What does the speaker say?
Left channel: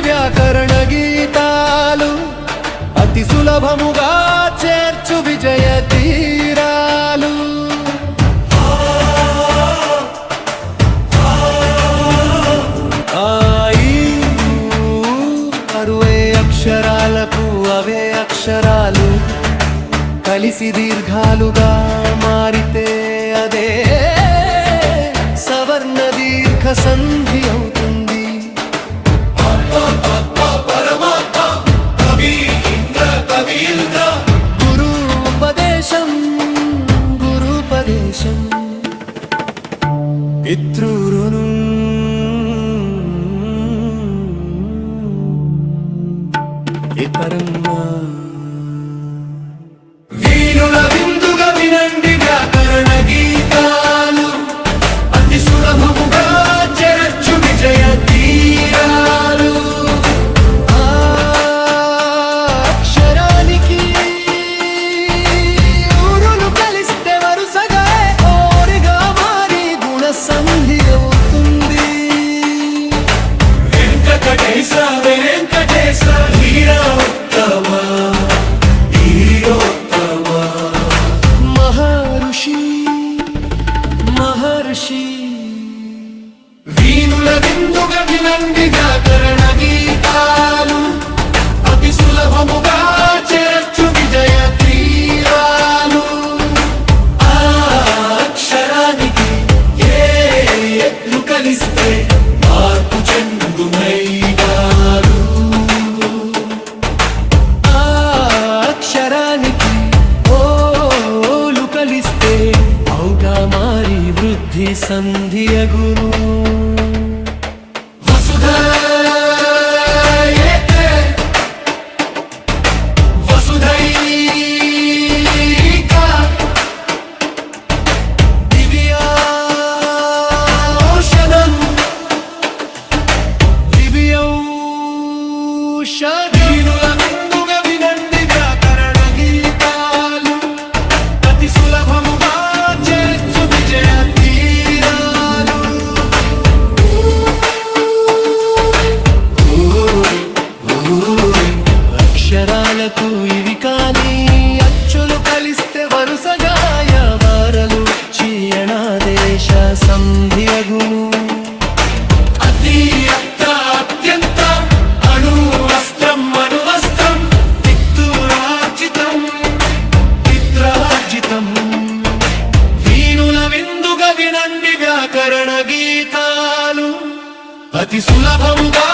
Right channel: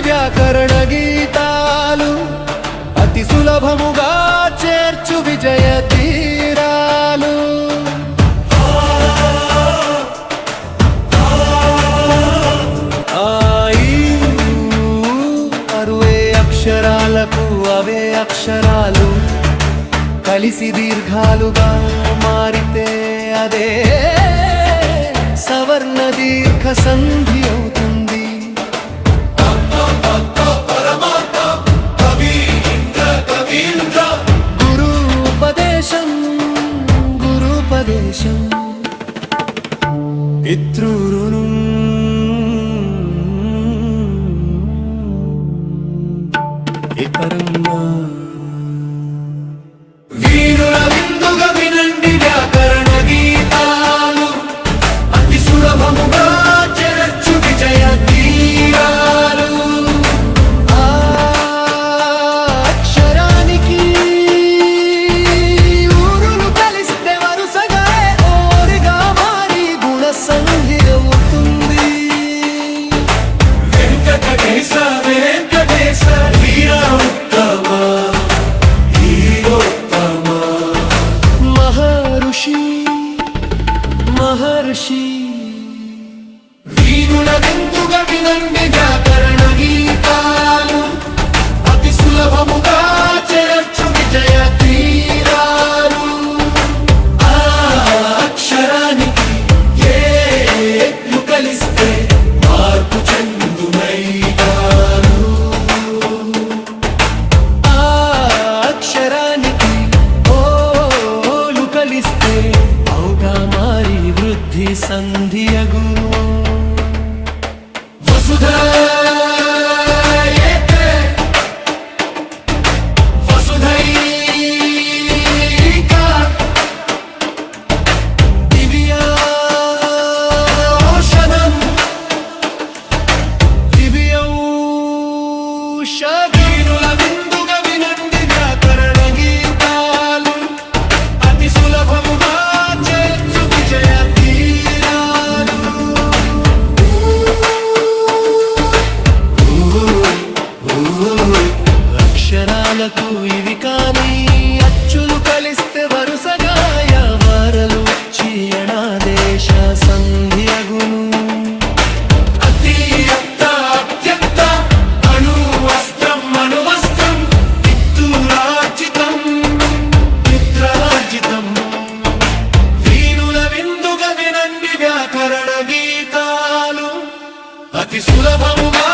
వ్యాకరణ గీతాలు. అతి సులభముగా చేర్చు విజయ తీరాలు. అరువే అక్షరాలకు అవే అక్షరాలు. కలిసి దీర్ఘాలుగా మారితే అదే సవర్ణ దీర్ఘ సంధి అవుతుంది. పితృరును ఇపరమ్మా మహర్షి. వీణుల విందుగా వినండి వ్యాకరణ గీతాలు. అతి సులభముగా చేర్చు విజయ తీరాలు. అక్షరానికి ఏట్లు కలిస్తే మార్పు చెందునైనారు అక్షరానికి ఓలు కలిస్తే వారి వృద్ధి సంధియగును. వసుధ ఏకే వసుధైక అచ్చులు కలిస్తే వరుసగా వరలు చీయణాదేశ సంధి అగును అతి అత్త అత్యంత అణు వస్త్రం అణువస్త్రం పిత్తురార్జితం పిత్రార్జితం. వీణుల విందుగా వినండి వ్యాకరణ గీతాలు. అతి సులభముగా